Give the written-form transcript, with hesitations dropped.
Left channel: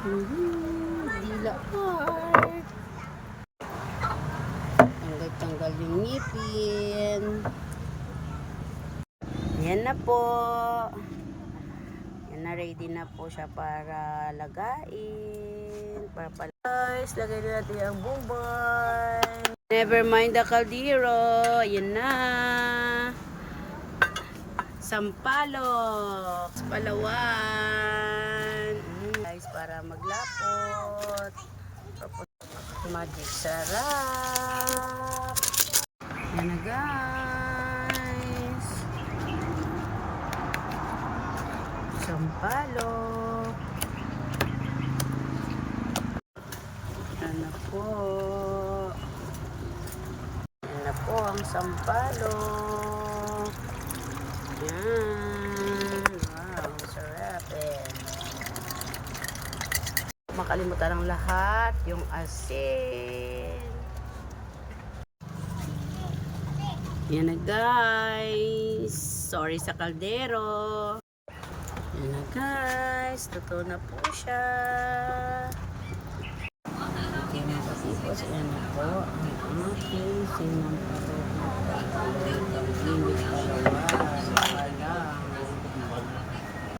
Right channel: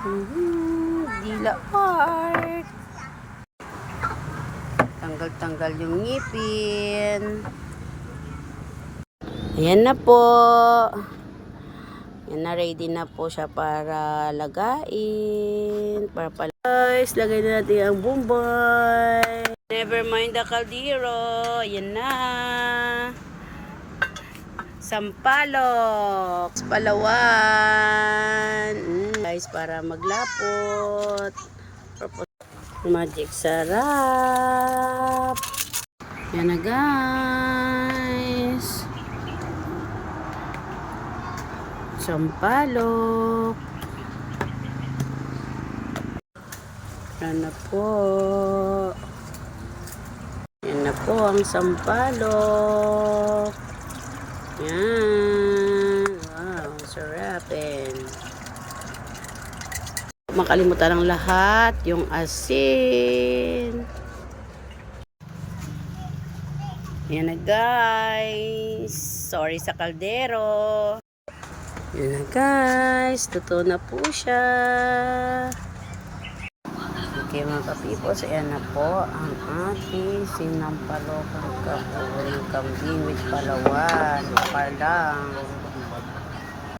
Dila Park. Tanggal-tanggal yung ngipin. Ayan na po. Ayan na, ready na po siya para lagain. Guys, lagay na natin ang Boomboy. Never mind the kaldero. Ayan na. Sampalok. Palawan. Guys, para maglapot. Magic sarap. Yan na guys. Sampalok. Yan na po. Yan na po ang sampalok. Yan. Wow, sarapin. Makalimutan ng lahat yung asin. Yan na guys. Sorry sa kaldero. Yan na guys. Totoo na po siya. Okay mga kapipos. Ayan na po ang ating sinampalok ng kambing with Palawan. Parlang.